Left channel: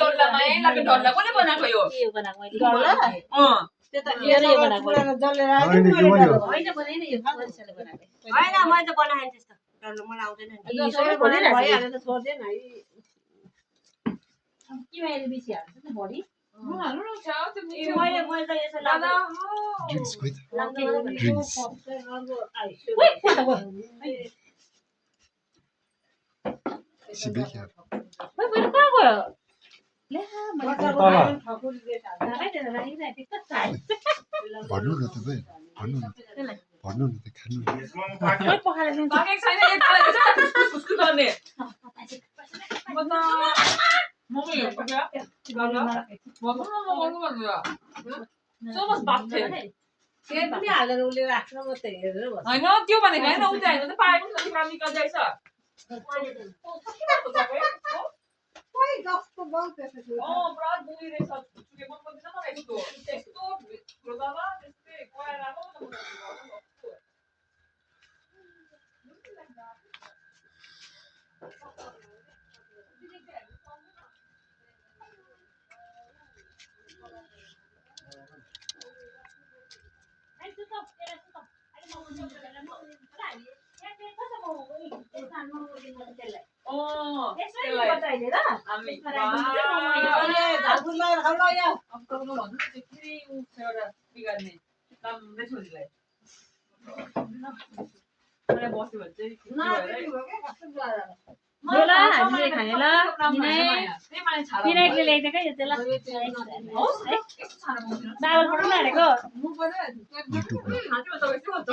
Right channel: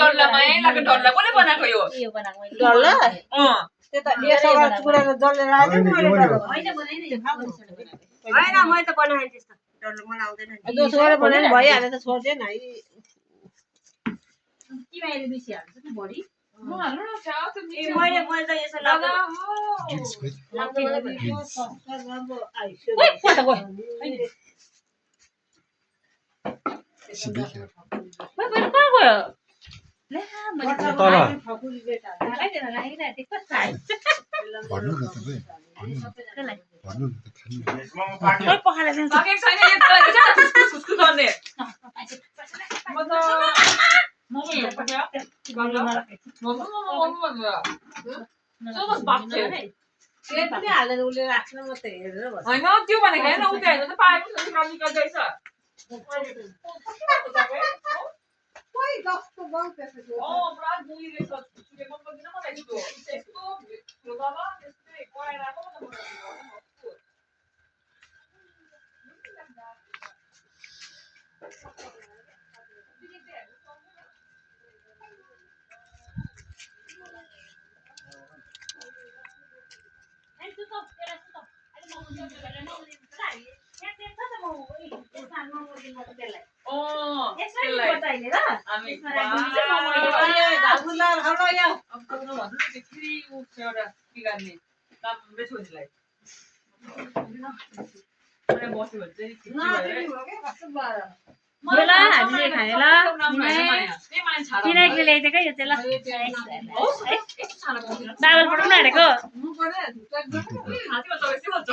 डल्लामै लाग्यो डल्ला कसले बनाएको यो यो बनाएको मैले डल्ला त्यो त यसमा पुरानो जलेर आयो मैले डल्ला होइन बनाइन यो मान्छेले बनाएको हैन मैले त बनाएँ त्यस्तो डल्लो मलाई आउँदैन नि दोस्रो बनाएर भइहाल्यो त छोड्दैन है किमाले बेसी हाल्छ नि बढी म हाल्नु न छाउ त मैले त यसो लाग्दा Drinks with. Drinks. Sibika. खोइ बरु कहाँ गयो ला मैले राखेन राखेन त्यो कस्तो हाल्छ भन्नु न तपाईँ भन्नु न भन्नु न त खानु न खोइ पखाले दिन्छ पाकेको छैन यो खुसखुस गर्ने म त मोमो हेर्नु पर्छ मोमो भन्नु सोमस बाप थियो त्यो पनि हालेर उसले राख्न म त हेरेर बस्छु हैन त्यो भनेको हैन उता हेर्नु त पाएको छ काम निकल जाइछ खोइ जस्तो बल त्यसको पुरा दुई रहेछ सुके मन पर्दैन मलाई यस्तो त्यस्तो भित्र बाबा त्यस्तै कराएर आएको न राम्रै छोरीलाई बस्यो भने चाहिँ ल हामीले खाने ल किनेकले ल्याइदिएको यो चाहिँ ल बाबल पठाउनु आँटेको YouTube मा हातमा तपाईँ के भन्छ